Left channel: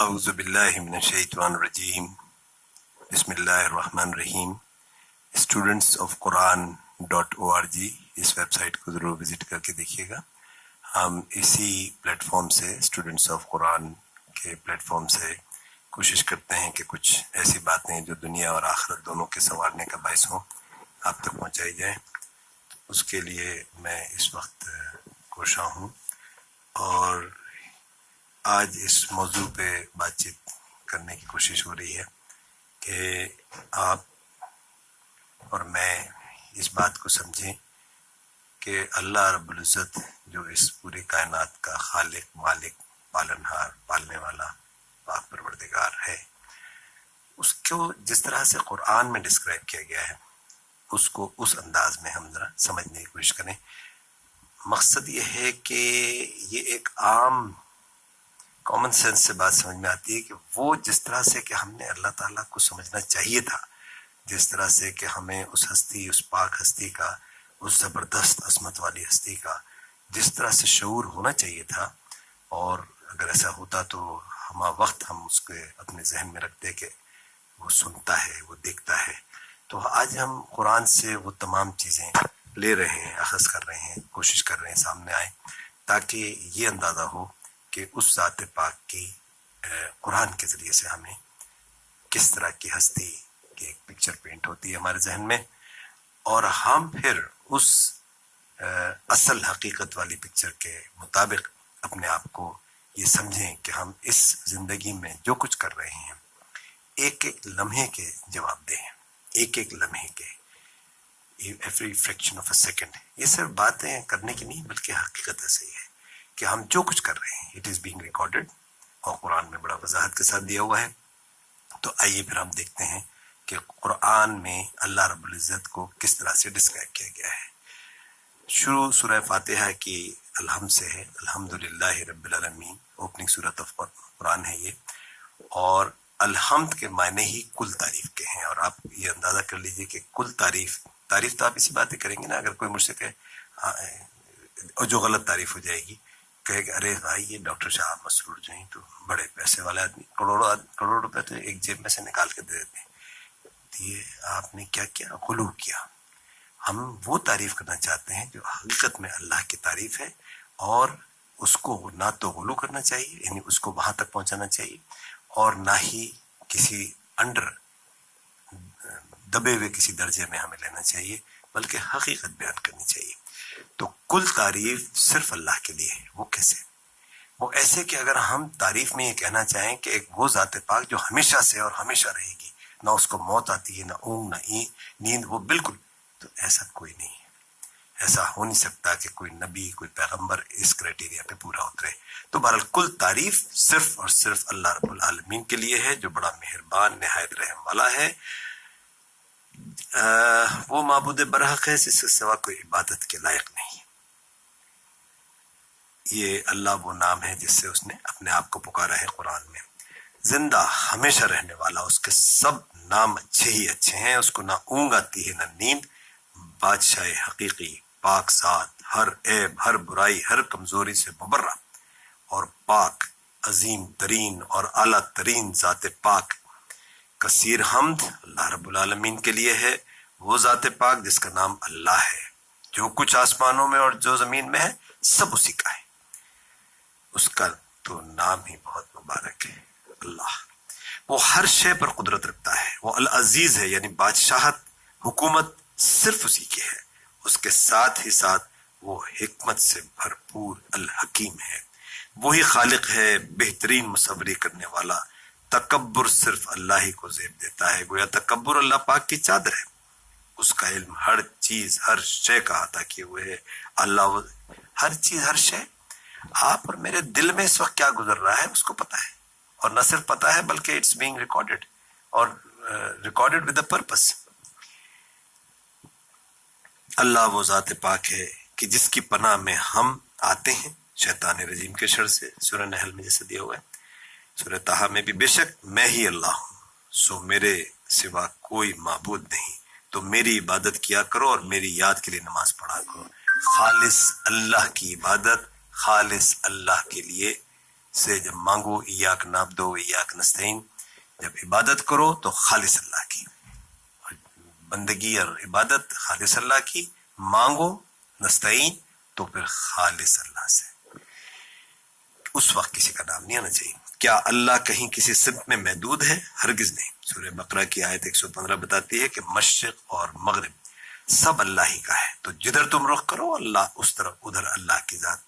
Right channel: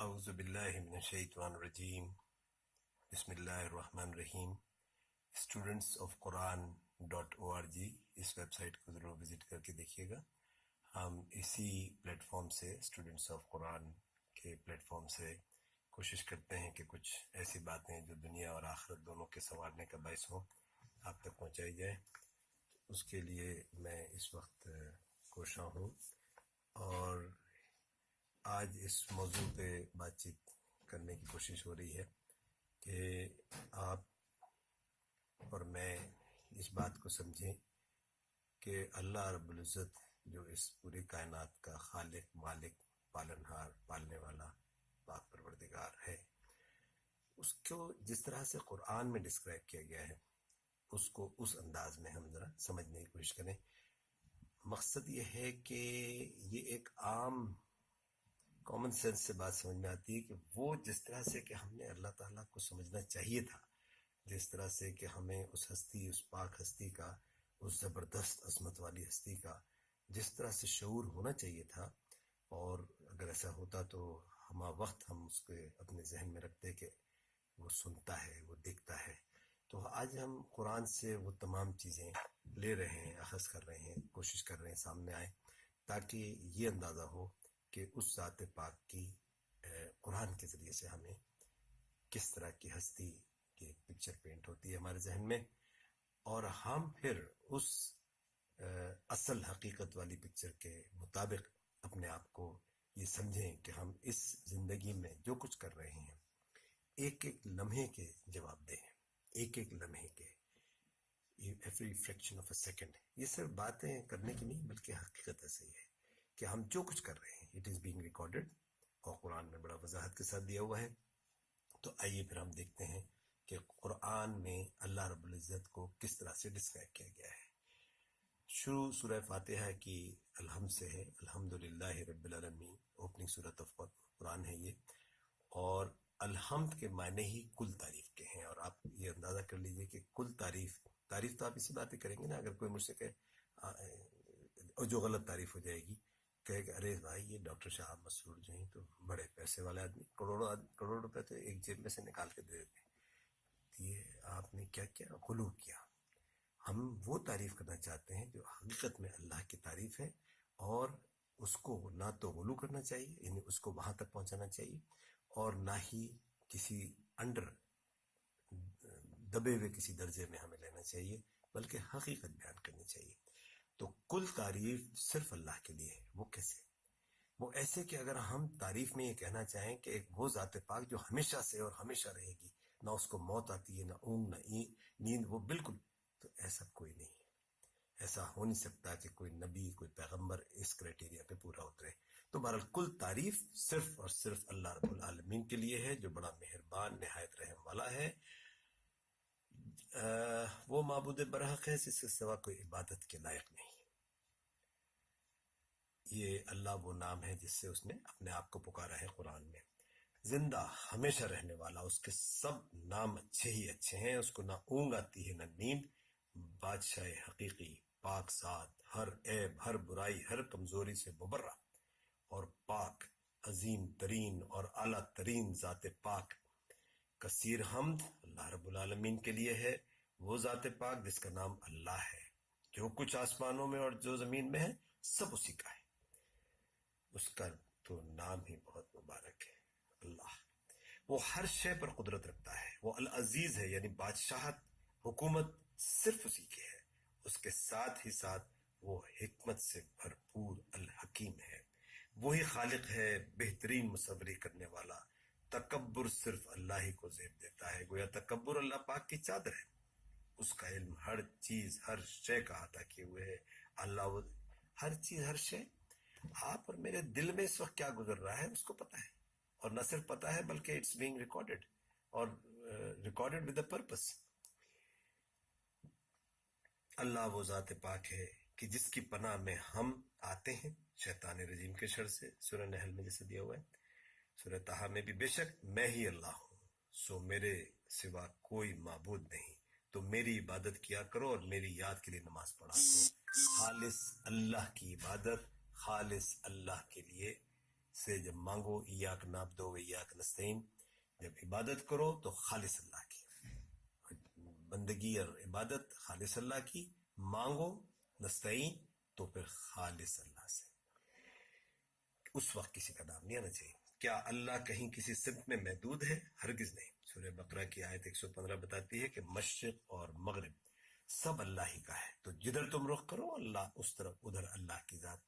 اعوذ باللہ من الشیطان الرجیم بسم اللہ الرحمن الرحیم. studentsofquran.org اس ویب سائٹ کو ضرور وزٹ کر کے دیکھیے گا. ہم اسی پلیٹ فارم سے اسٹوڈنٹس آف قرآن کے پلیٹ فارم سے کوشش کرتے ہیں کہ کچھ ایسی باتیں جو دنیا اور آخرت دونوں کے سنوارنے کا باعث ہوں آپ تک پہنچائی جائیں. اس کے لیے میں اس وقت کوشاں ہوں اور آج اس موضوع پہ بات چیت کرنے کی کوشش ہو رہی ہے کہ آپ اور میں اس بات کو سمجھیں کہ اللہ رب العزت جو اس پوری کائنات کا خالق، مالک، پالنہار، پالنے والا، پاک پروردگار ہے، اس کو جس طرح سے قرآن میں ڈسکرائب کیا گیا ہے اس کو اس انداز میں ہم ذرا سمجھنے کی کوشش کریں. مقصد یہ ہے کہ یہ ایک عام کامن سینس سے بات سمجھ میں آتی ہے کہ وہ جس طرح سے کہ ہم نے اللہ تعالیٰ کو سمجھنا چاہیے تھا، جس طرح سے کہ ہمیں اس ہستی، اس پاک ہستی کا، اس زبردست عظمت والی ہستی کا جس طرح سے شعور ہونا چاہیے تھا، اور اگر ایسا ہوتا تو ہمہ وقت ہم اس کے اپنے ذہن میں رکھتے کہ وہ سنتا ہے، وہ دیکھتا ہے. تو آج ہم قرآن سے وہ تمام چیزیں لے رہے ہیں، اخذ کر رہے ہیں، کوشش کر رہے ہیں سامنے آئے تاکہ یہ اندازہ ہو کہ اس ذات پاک کی قرآن کے ذریعے سے ہمیں کس طرح کی ہستی کی ایک پکچر پینٹ ہوتی ہے ہمارے ذہن میں، اور ہم پھر اس اصل حقیقت والی پکچر کے مطابق اپنے آپ کو یہ سمجھیں کہ ہم اس زندگی میں جو کچھ کر رہے ہیں ایک ایک لمحے کے جواب دیں، ایک ایک لمحے کے، every fraction of a second. یہ صرف باتیں کرنے کی نہیں بلکہ حقیقت ایسے ہی ہے کہ ہم جو کچھ کر رہے ہیں اٹ از بینگ ریکارڈڈ، اور قرآن میں بڑا وضاحت کے ساتھ دیا ہوا ہے. تو آئیے پھر ہم دیکھتے ہیں کہ قرآن میں اللہ رب العزت کو کس طرح سے ڈسکرائب کیا گیا ہے. شروع سورہ فاتحہ کی الحمد سے ہے. الحمدللہ رب العالمین اوپننگ سورت آف قرآن ہے یہ، اور الحمد کے معنی ہی کل تعریف کے ہیں. اور آپ یہ اندازہ کر لیجئے کہ کل تعریف تو آپ اسی باتیں کریں گے نا. اگر کوئی مجھ سے کہے اور جو غلط تعریف ہو جائے گی، کہے کہ ارے بھائی یہ ڈاکٹر صاحب مسرور جو ہیں تو بڑے پیسے والے آدمی، کروڑوں روپے تو ایک جیب میں سے نکال کے دے دیتے ہیں. یہ آپ نے کیا کیا؟ غلو کیا. ہم وہ تعریف کرنا چاہتے ہیں جو حقیقت میں اللہ کی تعریف ہے، اور اس کو نہ تو غلو کرنا چاہیے، یعنی اس کو وہاں تک پہنچانا چاہیے، اور نہ ہی کسی انڈر دبے ہوئے کسی درجے میں ہمیں لینا چاہیے، بلکہ حقیقت بیان کرنی چاہیے. تو کل تعریف صرف اللہ کے لیے ہے. وہ کیسے؟ وہ ایسے کہ اگر ہم تعریف میں یہ کہنا چاہیں کہ ایک وہ ذات پاک جو ہمیشہ سے اور ہمیشہ رہے گی، نہ اس کو موت آتی ہے، نہ اونگ، نہ نیند، وہ بالکل، تو ایسا کوئی نہیں ہے. ایسا ہو نہیں سکتا کہ کوئی نبی، کوئی پیغمبر اس کرائٹیریا پہ پورا اترے. تو بہرحال کل تعریف صرف اور صرف اللہ رب العالمین کے لیے ہے جو بڑا مہربان، نہایت رحم والا ہے. وہ معبود برحق ہے جس کے سوا کوئی عبادت کے لائق نہیں. یہ اللہ وہ نام ہے جس سے اس نے اپنے آپ کو پکارا ہے قرآن میں. زندہ، ہمیشہ رہنے والا، اس کے سب نام اچھے ہی اچھے ہیں. اس کو نہ اونگ آتی ہے نہ نیند. بادشاہ حقیقی، پاک ذات، ہر عیب، ہر برائی، ہر کمزوری سے مبرہ اور پاک، عظیم ترین اور اعلیٰ ترین ذات پاک. کثیر حمد اللہ رب العالمین کے لیے ہے، وہ ذات پاک جس کا نام اللہ ہے. جو کچھ آسمانوں میں اور جو زمین میں ہے سب اسی کا ہے. اس کا تو نام ہی بہت مبارک ہے اللہ. وہ ہر شے پر قدرت رکھتا ہے. وہ العزیز ہے، یعنی بادشاہت، حکومت صرف اسی کی ہے. اس کے ساتھ ہی ساتھ وہ حکمت سے بھرپور الحکیم ہے. وہی خالق ہے، بہترین مصوری کرنے والا. تکبر صرف اللہ ہی کو زیب دیتا ہے. گویا تکبر اللہ پاک کی چادر ہے. اس کا علم ہر چیز، ہر شے کا احاطہ کیے ہوئے ہے. اللہ ہر چیز، ہر شے. آپ اور میرے دل میں اس وقت کیا گزر رہا ہے اس کو پتا ہے، اور نہ صرف پتا ہے بلکہ اٹس بینگ ریکارڈڈ، اور ریکارڈڈ ود اے پرپس. اللہ وہ ذات پاک ہے کہ جس کی پناہ میں ہم آتے ہیں شیطان رجیم کے شر سے. سورہ نحل میں جیسے دیا ہوا ہے. سورہ طٰہٰ میں بھی، بے شک میں ہی اللہ ہوں، سو میرے سوا کوئی معبود نہیں، تو میری عبادت کیا کرو اور میری یاد کے لیے نماز پڑھا کرو. خالص اللہ کی عبادت، خالص اللہ کے لیے سے جب مانگو ایاک نعبدو و ایاک نستعین، جب عبادت کرو تو خالص اللہ کی، بندگی اور عبادت خالص اللہ کی، مانگو نستعین تو پھر خالص اللہ سے، اس وقت کسی کا نام نہیں آنا چاہیے۔ کیا اللہ کہیں کسی سمت میں محدود ہے؟ ہرگز نہیں۔ سورہ بقرہ کی آیت 115 بتاتی ہے کہ مشرق اور مغرب سب اللہ ہی کا ہے، تو جدھر تم رخ کرو اللہ اس طرف ادھر اللہ کی ذات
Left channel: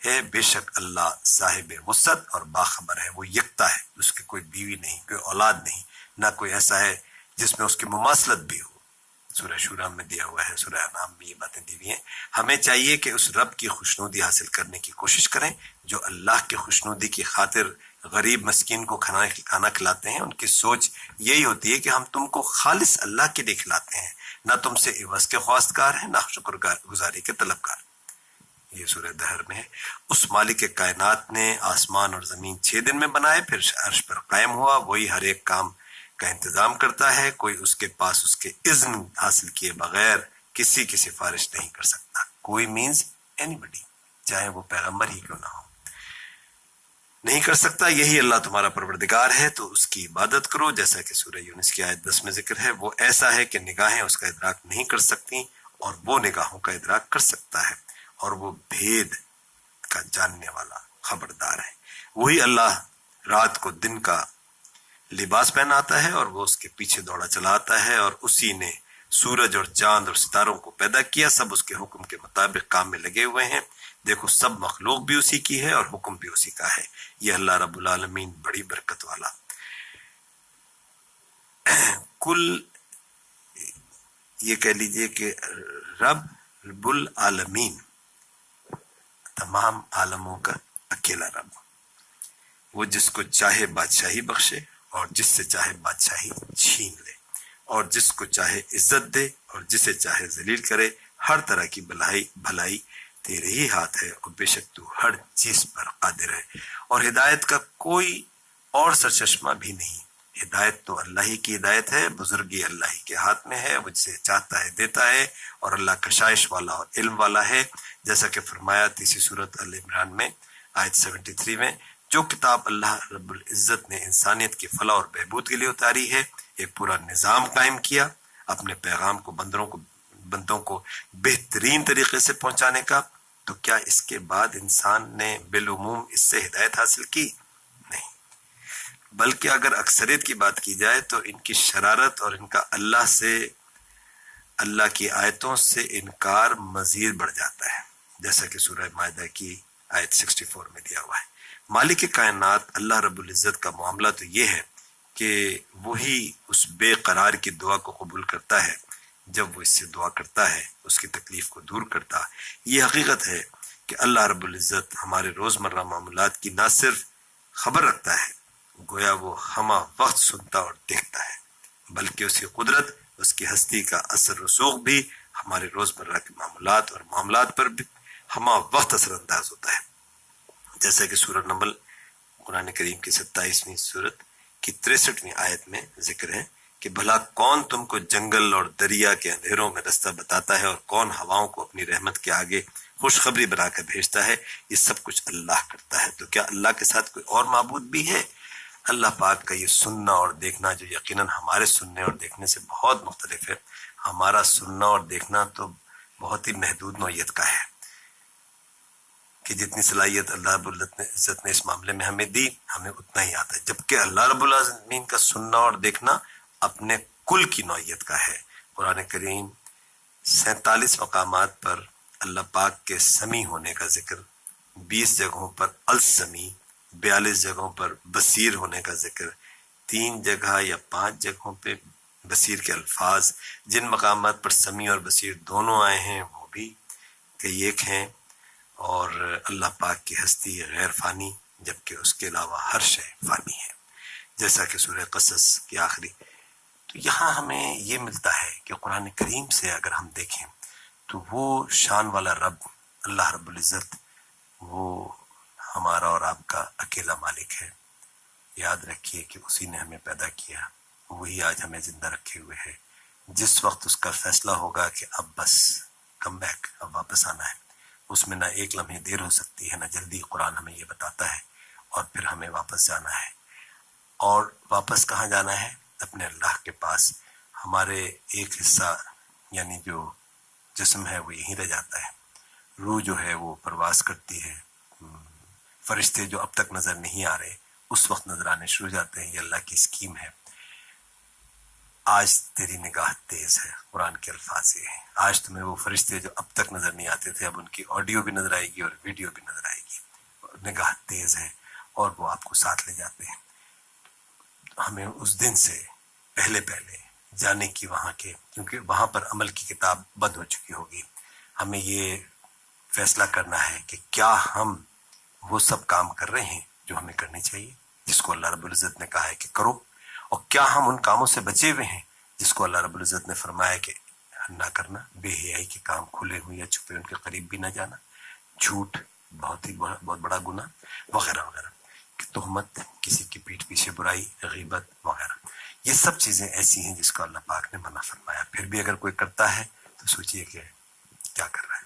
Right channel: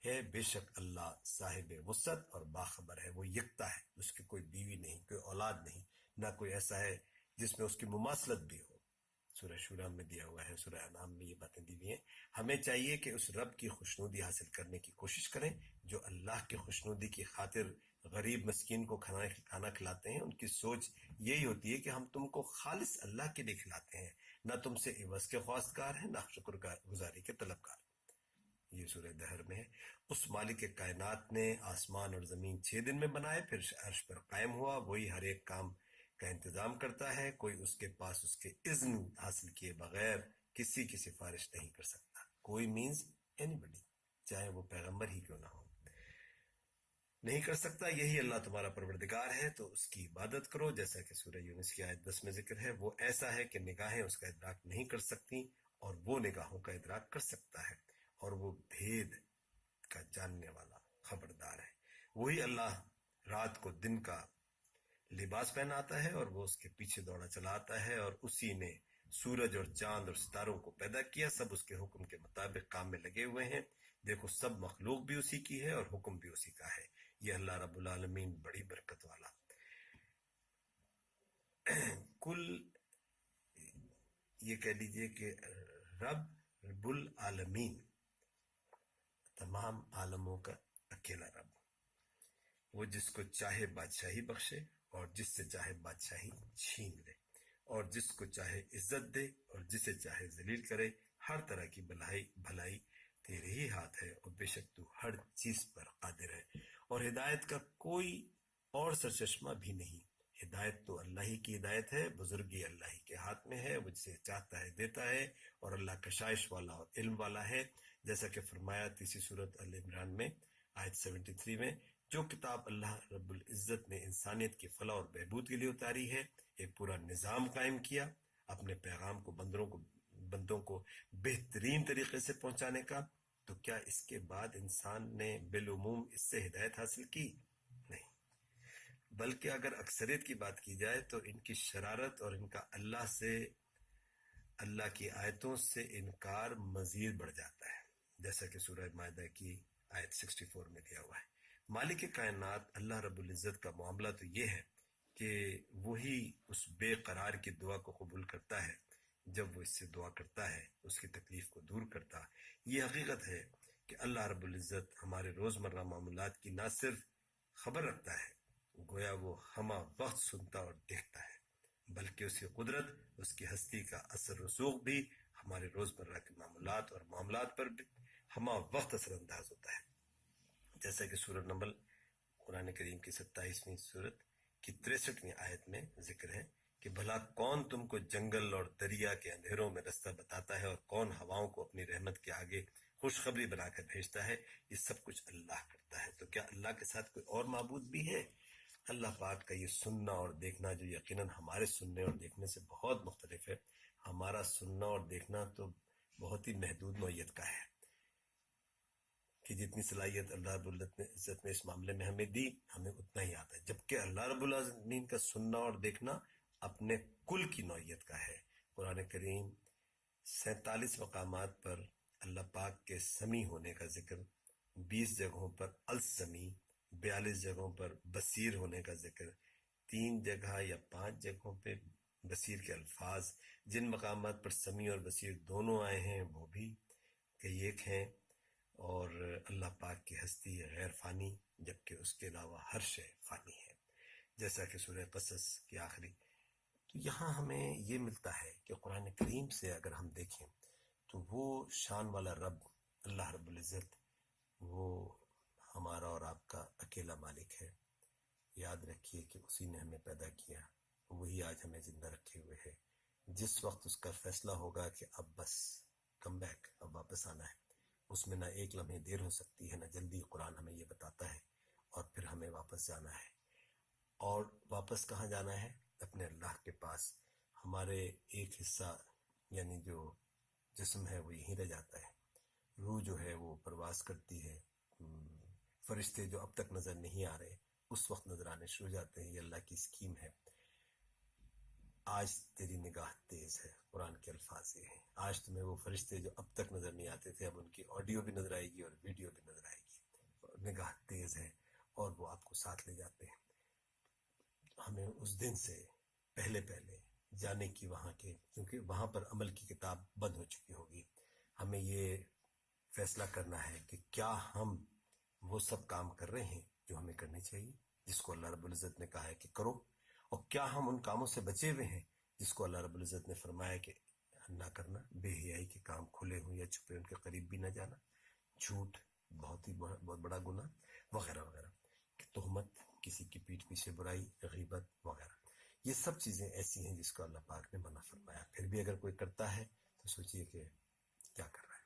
ہے۔ بے شک اللہ صاحب وسعت اور باخبر ہے، وہ یکتا ہے، اس کی کوئی بیوی نہیں، کوئی اولاد نہیں، نہ کوئی ایسا ہے جس میں اس کی مماثلت بھی ہو۔ سورہ شورا میں دیا ہوا ہے، سورہ انعام میں یہ باتیں دی ہوئی ہیں۔ ہمیں چاہیے کہ اس رب کی خوشنودی حاصل کرنے کی کوشش کریں جو اللہ کی خوشنودی کی خاطر غریب مسکین کو کھانا کھلاتے ہیں۔ ان کی سوچ یہی ہوتی ہے کہ ہم تم کو خالص اللہ کے لیے کھلاتے ہیں، نہ تم سے عوض کے خواستگار ہیں، نہ شکر گزاری کے طلبگار۔ یہ سورہ دہر میں ہے۔ اس مالک کائنات نے آسمان اور زمین 6 دن میں بنائے، پھر عرش پر قائم ہوا۔ وہی ہر ایک کام کا انتظام کرتا ہے، کوئی اس کے پاس اس کے اذن حاصل کیے بغیر کسی کی سفارش نہیں کر سکتا۔ کوئی مینز اینی بڈی، چاہے وہ پیغمبر ہی کیوں نہ ہو، نہیں کر سکتا۔ یہی اللہ تمہارا پروردگار ہے، تو اس کی عبادت کرو، جیسا کہ سورہ یونس کی آیت 10 میں ذکر ہے۔ وہ ایسا ہے کہ نگاہیں اس کا ادراک نہیں کر سکتی اور وہ نگاہوں کا ادراک کر سکتا ہے، اور وہ بھید کا جاننے والا خبردار ہے۔ وہی اللہ رات کو دن کا لباس پہناتا ہے اور وہ اس کے پیچھے دوڑا چلا آتا ہے، اور اسی نے سورج اور چاند اور ستاروں کو پیدا کیا، سب اس کے حکم کے مطابق کام میں لگے ہوئے ہیں۔ دیکھو سب مخلوق بھی اسی کی ہے اور حکم بھی اسی کا ہے۔ یہ اللہ رب العالمین بڑی برکت والا۔ کل یہ کہہ لیجئے کہ رب العالمین تمام عالموں کا اکیلا رب، وہ جس کو چاہے بادشاہی بخشے اور جس سے چاہے بادشاہی چھین لے، اور جس کو چاہے عزت دے اور جسے چاہے ذلیل کرے۔ ہر طرح کی بھلائی تیرے ہی ہاتھ ہے، اور بے شک تو ہر چیز پر قادر ہے۔ اور ہدایت کا کوئی اور سرچشمہ بھی نہیں، ہدایت تو اللہ ہی کی ہدایت ہے، بزرگی اللہ ہی کے ہاتھ میں ہے، وہ جسے چاہتا ہے دیتا ہے، اور اللہ کشائش والا اور علم والا ہے۔ جیسا کہ فرمایا تیسری سورت ال عمران میں آیت 73 میں، جو کتاب اللہ رب العزت نے انسانیت کی فلاح اور بہبود کے لیے اتاری ہے، ایک پورا نظام قائم کیا اپنے پیغام کو بندوں کو بہترین طریقے سے پہنچانے کا، تو کیا اس کے بعد انسان نے بالعموم اس سے ہدایت حاصل کی؟ نہیں، بلکہ اگر اکثریت کی بات کی جائے تو ان کی شرارت اور ان کا اللہ کی آیتوں سے انکار مزید بڑھ جاتا ہے، جیسا کہ سورہ مائدہ کی آیت 64 میں دیا ہوا ہے۔ مالک کائنات اللہ رب العزت کا معاملہ تو یہ ہے کہ وہی اس بے قرار کی دعا کو قبول کرتا ہے جب وہ اس سے دعا کرتا ہے، اس کی تکلیف کو دور کرتا۔ یہ حقیقت ہے کہ اللہ رب العزت ہمارے روزمرہ معاملات کی نہ صرف خبر رکھتا ہے، گویا وہ ہمہ وقت سنتا اور دیکھتا ہے، بلکہ اس کی قدرت، اس کی ہستی کا اثر رسوخ بھی ہمارے روزمرہ کے معاملات پر بھی ہمہ وقت اثر انداز ہوتا ہے، جیسا کہ سورہ نمل قرآن کریم کی 27ویں سورت کی 63ویں آیت میں ذکر ہے کہ بھلا کون تم کو جنگل اور دریا کے اندھیروں میں رستہ بتاتا ہے، اور کون ہواؤں کو اپنی رحمت کے آگے خوشخبری بنا کر بھیجتا ہے۔ یہ سب کچھ اللہ کرتا ہے، تو کیا اللہ کے ساتھ کوئی اور معبود بھی ہے؟ اللہ پاک کا یہ سننا اور دیکھنا جو یقیناً ہمارے سننے اور دیکھنے سے بہت مختلف ہے، ہمارا سننا اور دیکھنا تو بہت ہی محدود نوعیت کا ہے، کہ جتنی صلاحیت اللہ رب العزت نے اس معاملے میں ہمیں دی، ہمیں اتنا ہی آتا ہے، جبکہ اللہ رب العالمین کا سننا اور دیکھنا اپنے کل کی نوعیت کا ہے۔ قرآن کریم 47 مقامات پر اللہ پاک کے سمیع ہونے کا ذکر، 20 جگہوں پر السمیع، 42 جگہوں پر بصیر ہونے کا ذکر، 3 جگہ یا 5 جگہوں پہ بصیر کے الفاظ، جن مقامات پر سمیع اور بصیر دونوں آئے ہیں وہ بھی کئی ایک ہیں، اور اللہ پاک کی ہستی غیر فانی، جبکہ اس کے علاوہ ہر شے فانی ہے، جیسا کہ سورہ قصص کی آخری۔ تو یہاں ہمیں یہ ملتا ہے کہ قرآن کریم سے اگر ہم دیکھیں تو وہ شان والا رب اللہ رب العزت، وہ ہمارا اور آپ کا اکیلا مالک ہے۔ یاد رکھیے کہ اسی نے ہمیں پیدا کیا، وہی آج ہمیں زندہ رکھے ہوئے ہے۔ جس وقت اس کا فیصلہ ہوگا کہ اب بس کم بیک، اب واپس آنا ہے، اس میں نہ ایک لمحے دیر ہو سکتی ہے نہ جلدی، قرآن ہمیں یہ بتاتا ہے۔ اور پھر ہمیں واپس جانا ہے. اور واپس کہاں جانا ہے؟ اپنے اللہ کے پاس. ہمارے ایک حصہ یعنی جو جسم ہے وہ یہیں رہ جاتا ہے، روح جو ہے وہ پرواز کرتی ہے. فرشتے جو اب تک نظر نہیں آ رہے اس وقت نظر آنے شروع ہو جاتے ہیں. یہ اللہ کی اسکیم ہے. آج تیری نگاہ تیز ہے، قرآن کے الفاظ یہ ہیں. آج تمہیں وہ فرشتے جو اب تک نظر نہیں آتے تھے اب ان کی آڈیو بھی نظر آئے گی اور ویڈیو بھی نظر آئے گی. نگاہ تیز ہے اور وہ آپ کو ساتھ لے جاتے ہیں. ہمیں اس دن سے پہلے جانے کی وہاں کے، کیونکہ وہاں پر عمل کی کتاب بند ہو چکی ہوگی. ہمیں یہ فیصلہ کرنا ہے کہ کیا ہم وہ سب کام کر رہے ہیں جو ہمیں کرنے چاہیے، جس کو اللہ رب العزت نے کہا ہے کہ کرو، اور کیا ہم ان کاموں سے بچے ہوئے ہیں جس کو اللہ رب العزت نے فرمایا کہ نہ کرنا. بے حیائی کے کام کھلے ہوئے یا چھپے ان کے قریب بھی نہ جانا، جھوٹ بہت بڑا گناہ وغیرہ وغیرہ، تہمت، کسی کی پیٹھ پیچھے برائی، غیبت وغیرہ. یہ سب چیزیں ایسی ہیں جس کو اللہ پاک نے منع فرمایا. پھر بھی اگر کوئی کرتا ہے تو سوچئے کہ کیا کر رہا ہے،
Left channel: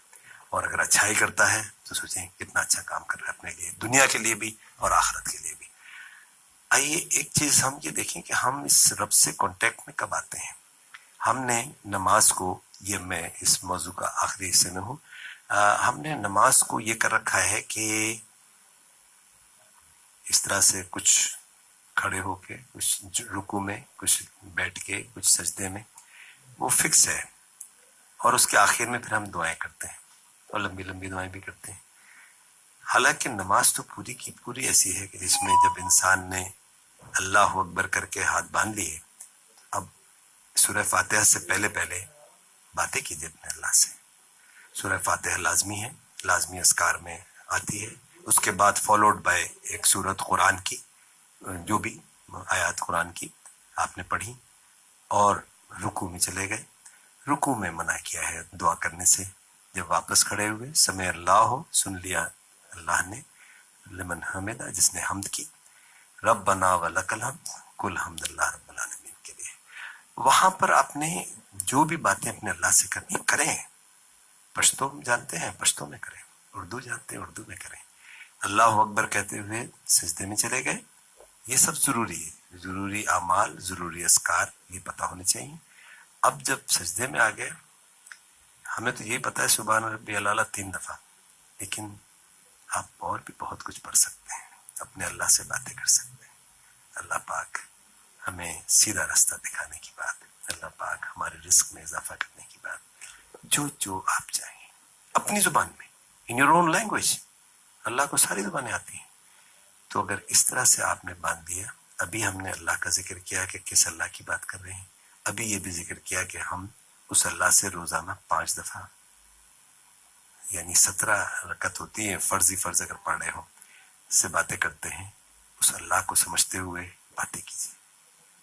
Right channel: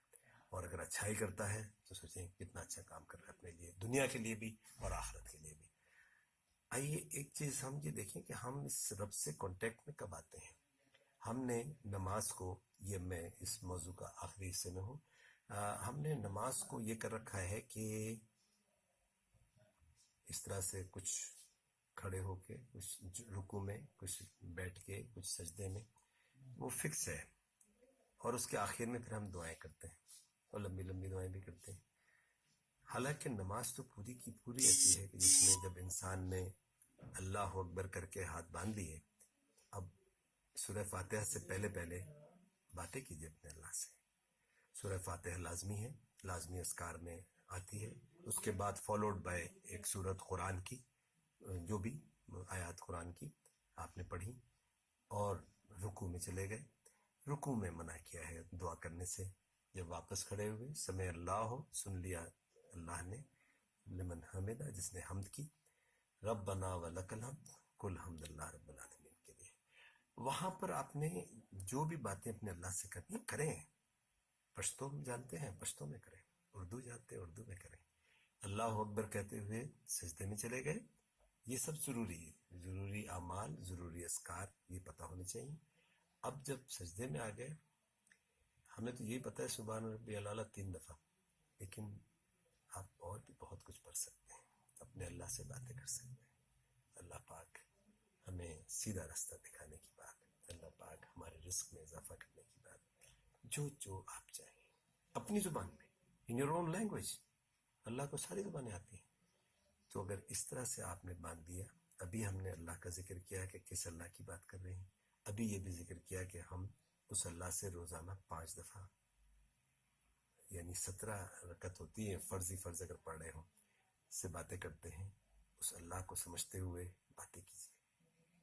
اور اگر اچھائی کرتا ہے تو سوچیں کتنا اچھا کام کر رہا ہے اپنے لیے، دنیا کے لیے بھی اور آخرت کے لیے بھی. آئیے ایک چیز ہم یہ دیکھیں کہ ہم اس رب سے کانٹیکٹ میں کب آتے ہیں. ہم نے نماز کو، یہ میں اس موضوع کا آخری حصے میں ہوں، ہم نے نماز کو یہ کر رکھا ہے کہ اس طرح سے کچھ کھڑے ہو کے، کچھ رکوع میں، کچھ بیٹھ کے، کچھ سجدے میں، وہ فکس ہے. اور اس کے آخر میں پھر ہم دعائیں کرتے ہیں اور لمبی لمبی دعائیں بھی کرتے ہیں. حالانکہ نماز تو پوری کی پوری ایسی ہے کہ جس میں جب انسان نے اللہ اکبر کر کے ہاتھ باندھ لیے، اب سورہ فاتحہ سے پہلے باتیں کیجیے اپنے اللہ سے. سورہ فاتحہ لازمی ہے، لازمی اذکار میں آتی ہے. اس کے بعد فالوڈ بائی ایک سورت قرآن کی، جو بھی آیات قرآن کی آپ نے پڑھی، اور رکوع میں چلے گئے. رکوع میں منع کیا ہے دعا کرنے سے. جب واپس کھڑے ہوئے، سمع اللہ ہو، سن لیا اللہ نے، لمن حمدہ، جس نے حمد کی، ربنا ولک الحمد، کل حمد اللہ رب العالمین کے لیے. وہاں پر آپ نے جو بھی باتیں اپنے اللہ سے کرنی کریں. پشتو جانتے ہیں پشتو میں کریں، اردو جانتے ہیں اردو میں کریں. اللہ اکبر کہتے ہوئے سجدے میں چلے گئے. یہ سب ضروری ہے، ضروری اعمال، ضروری اذکار، یہ پتہ ہونے چاہیے. اب جب سجدے میں آ گئے، ہمیں تو یہی پتہ ہے سبحان ربی الاعلی 3 دفعہ، لیکن آپ اور بھی بہت کچھ پڑھ سکتے ہیں، اپنے اللہ سے باتیں کر سکتے ہیں. اللہ پاک ہمیں سیدھا راستہ دکھانے کی بات، اللہ پاک ہمارے رزق میں اضافہ کرنے کی بات، جو آپ چاہیں اپنی زبان میں، ان یور اون لینگویج. اللہ کو ساری زبانیں آتی ہیں. تو اگر اس طرح سے آپ نے باندھ دیا، ابھی ہم نے اللہ کا ذکر کیا کہ کس اللہ کی بات کر رہے ہیں. ابھی یہ بھی ذکر کیا کہ ہم اس اللہ سے روزانہ 5 دفعہ، یعنی 17 رکعت ہوتی ہیں، فرض اگر پڑھ رہے ہو، سے باتیں کرتے ہیں. اس اللہ کو سمجھتے ہوئے باتیں کیجیے.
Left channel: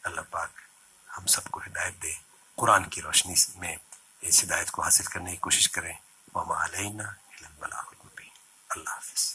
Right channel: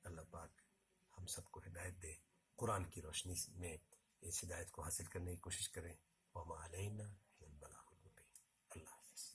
اللہ پاک ہم سب کو ہدایت دے. قرآن کی روشنی میں اس ہدایت کو حاصل کرنے کی کوشش کریں. وما علینا الا البلاغ المبین. اللہ حافظ.